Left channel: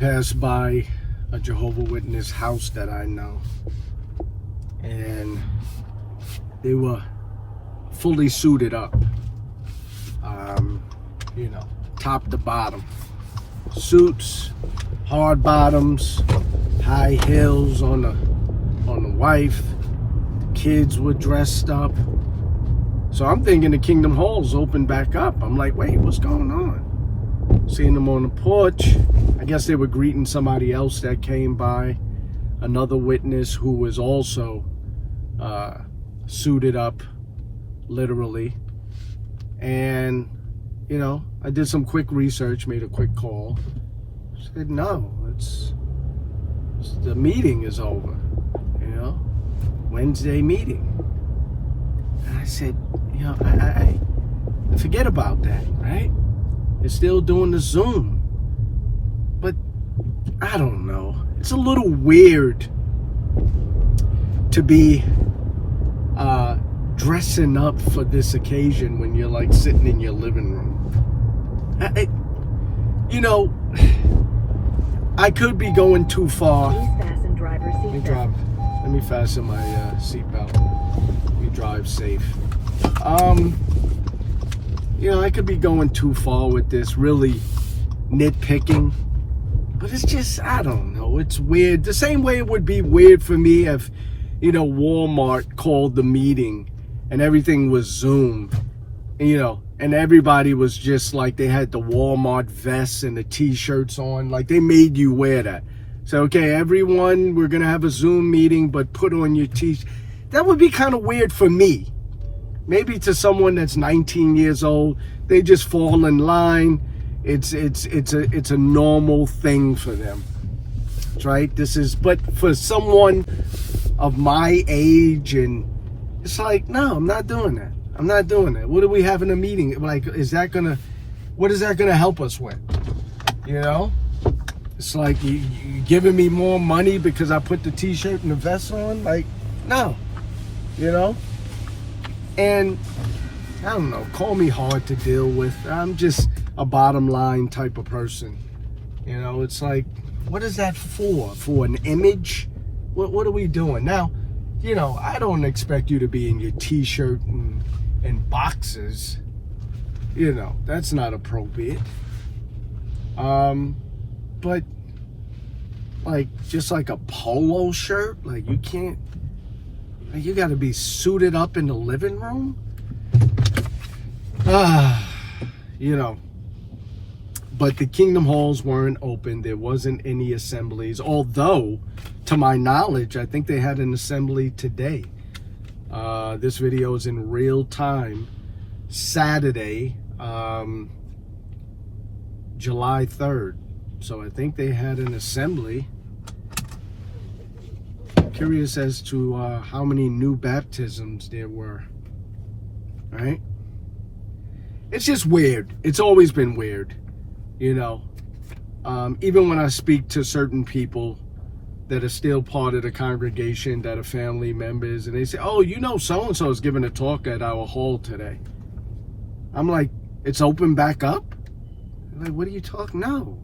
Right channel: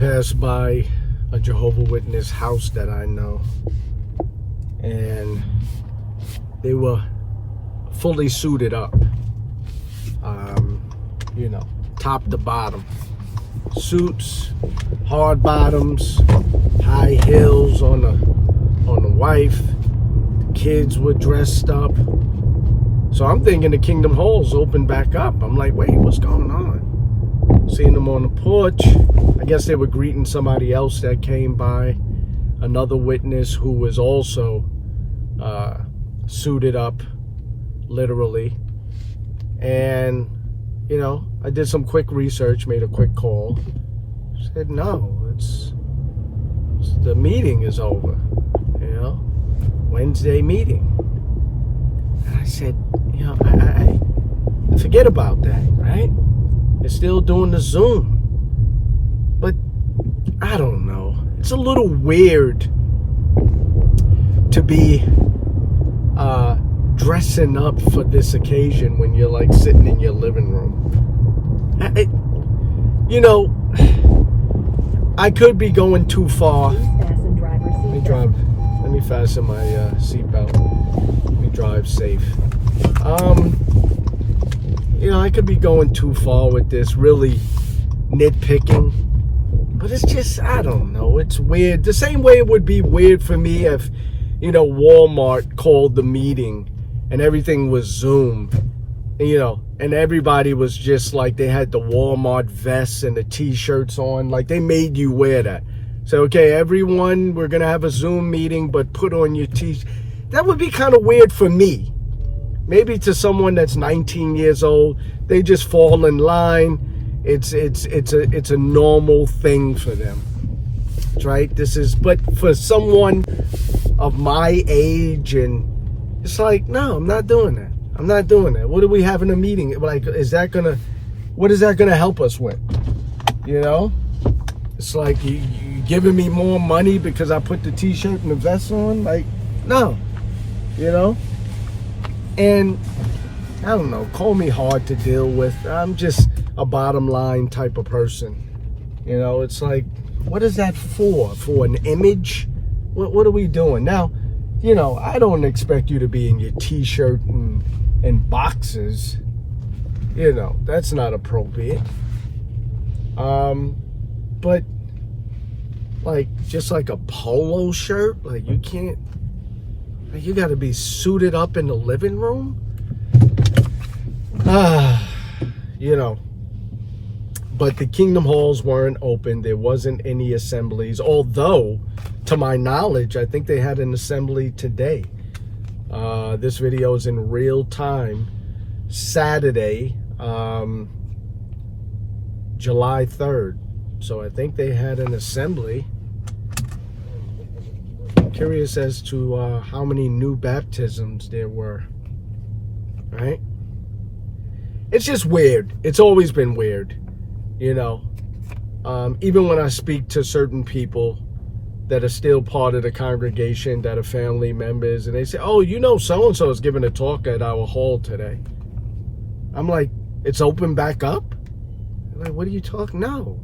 passed by a Jehovah's Witness house that I know, and they were fully suited up, top to bottom. Suits, hard bottoms, high heels on the wife. The kids were dressed up. So I'm thinking the Kingdom Hall's open back up. I'm like, wait, what's going on? Seeing them on the porch. I guess they were greeting somebody else that came by. Another witness who was also suited up, literally. And, I did some quick research, made a quick call. Said, no, it's the meeting is over, Wednesday meeting. And I said, I forget about that, right? They're still doing the Zoom. But I don't know. It's a little weird to be dressing up for this occasion when you're like sitting in your living room. I could be going too far. Let me fasten my seatbelt. Let me drive safe. I could be going too far with this, really nitpicking. But it's just, I don't know. It's weird. The same way it would be weird for me if, Walmart called the meeting and everything was Zoom, and everybody was just like, they had the Walmart vests and the t-shirts on, like they made you wear that. So, okay, everyone, we're going to have a Zoom meeting, but put on your t-shirt. That would be kind of weird for me. Maybe to someone that's 19 years old, they just fall in line. It's a normal thing for them, right? But for someone of my age, and it's like, no, I'm not doing that. I'm not doing that. What are we having a meeting? Like, what is that gonna help us with? It's like you giving me more money because I put the t-shirt and the vest on? Like, no, And I don't know, call me hard to deal with. I'm just a bottom line type of person. It's like, what is that for? For an image? What are we doing? Now, I don't expect you to be in your t-shirt and boxers. That's not appropriate. But like, just like a polo shirt, like you can't, like you got to be suited up in the living room. But the Kingdom Halls weren't open. There wasn't any assemblies, although to my knowledge, I think they had an assembly today. This video is in real time, Saturday, July 3rd. So I think they had an assembly. I'm curious as to how many new baptisms there were, right? It's just weird. It's always been weird, even when I speak to certain people that are still part of the congregation, that are family members, and they say, oh, so-and-so is giving a talk at our hall today. I'm like, it's open back up? They're like, what are you talking? No.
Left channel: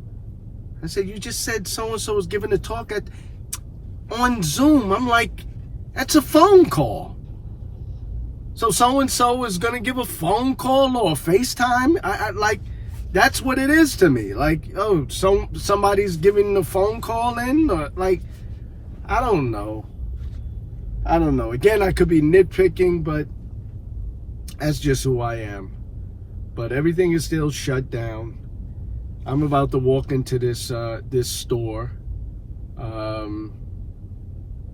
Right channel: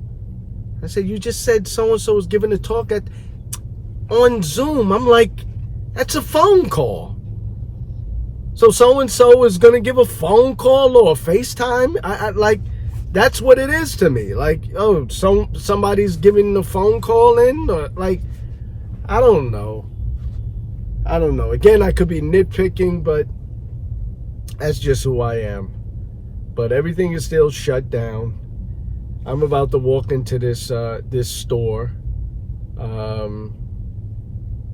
I said, you just said so-and-so is giving a talk on Zoom. I'm like, that's a phone call. So so-and-so is going to give a phone call or a FaceTime? I like, that's what it is to me. Like, oh, somebody's giving the phone call in? Or like, I don't know. Again, I could be nitpicking, but that's just who I am. But everything is still shut down. I'm about to walk into this store.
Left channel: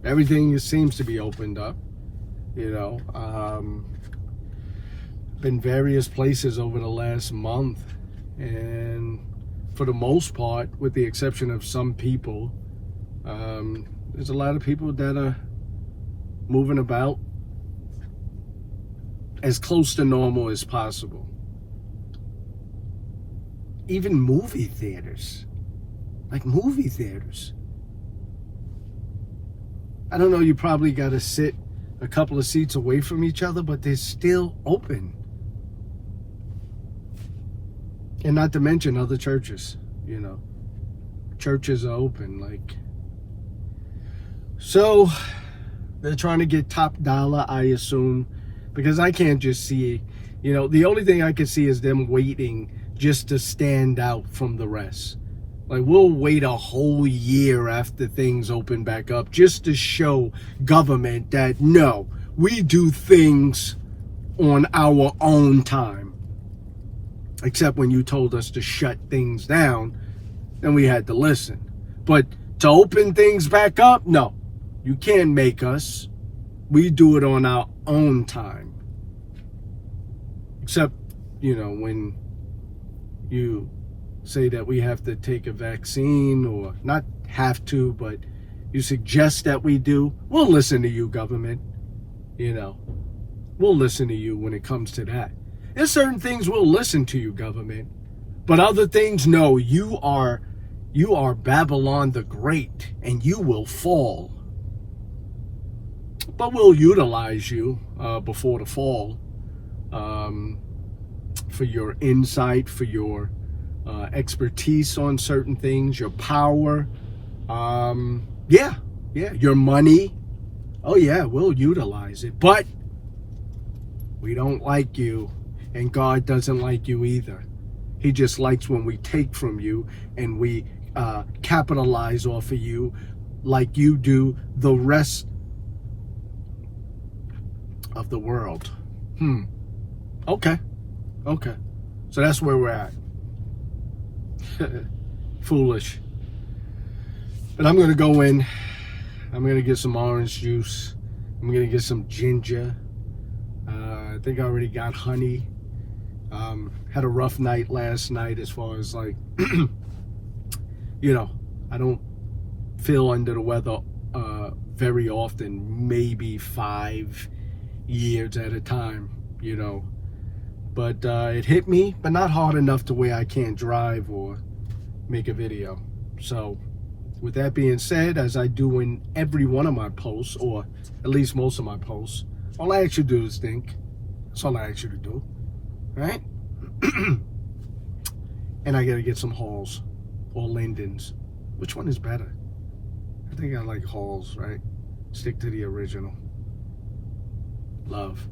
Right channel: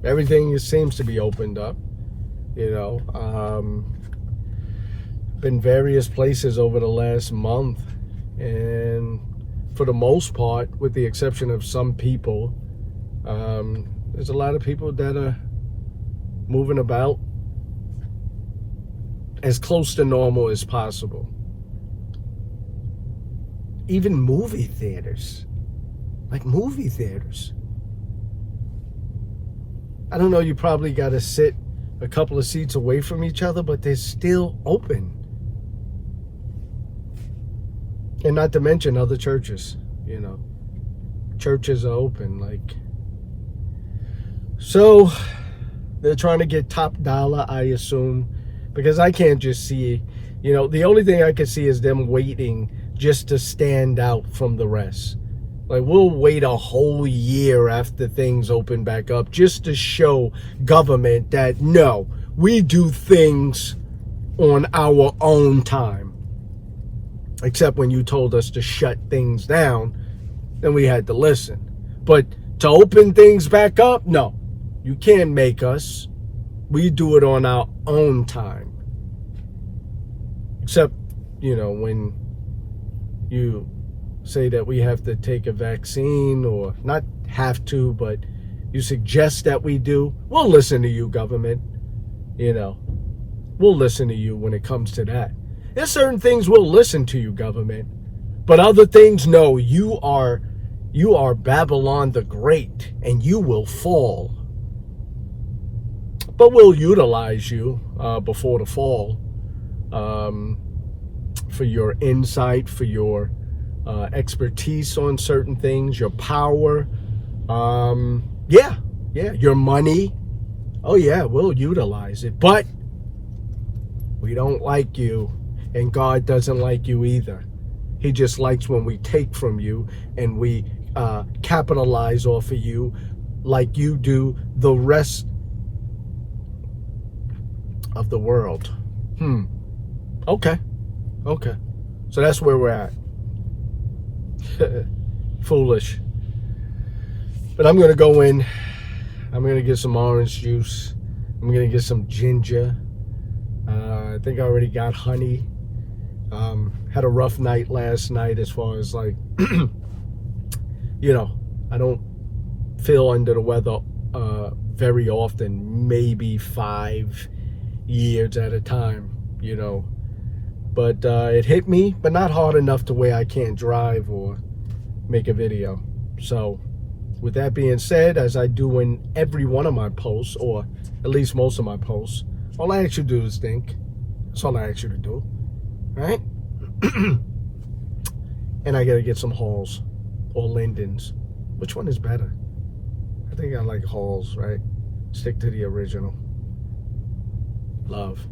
Everything seems to be opened up. Been various places over the last month, and for the most part, with the exception of some people, there's a lot of people that are moving about as close to normal as possible. Even movie theaters. Like movie theaters. I don't know, you probably got to sit a couple of seats away from each other, but they're still open. And not to mention other churches, churches are open. Like, so they're trying to get top dollar, I assume, because I can't just see, you know, the only thing I can see is them waiting just to stand out from the rest. Like, we'll wait a whole year after things open back up just to show government that, no, we do things on our own time. Except when you told us to shut things down, then we had to listen. But to open things back up, no, you can't make us. We do it on our own time. Except, you know, when you say that we have to take a vaccine, or not have to, but you suggest that we do, we'll listen to you, government. You know, we'll listen to you when it comes to that. There's certain things we'll listen to you, government, but other things, no, you are Babylon the Great, and you will fall. But we'll utilize you before the fall, for your insight, for your expertise on certain things, your power, your money. Oh yeah, we'll utilize it, but we don't like you, and God doesn't like you either. He just likes when we take from you and we capitalize off of you like you do the rest of the world. Okay. So that's where we're at. Foolish. But I'm gonna go in. I'm gonna get some orange juice. I'm gonna get some ginger. I think I already got honey. Had a rough night last night as far as like, you know, I don't feel under the weather very often, maybe 5 years at a time, you know. But it hit me, but not hard enough to where I can't drive or make a video. So with that being said, as I do in every one of my posts, or at least most of my posts, all I ask you to do is think. That's all I ask you to do. All right? And I gotta get some Halls or Lindens. Which one is better? I think I like Halls, right? Stick to the original. Love.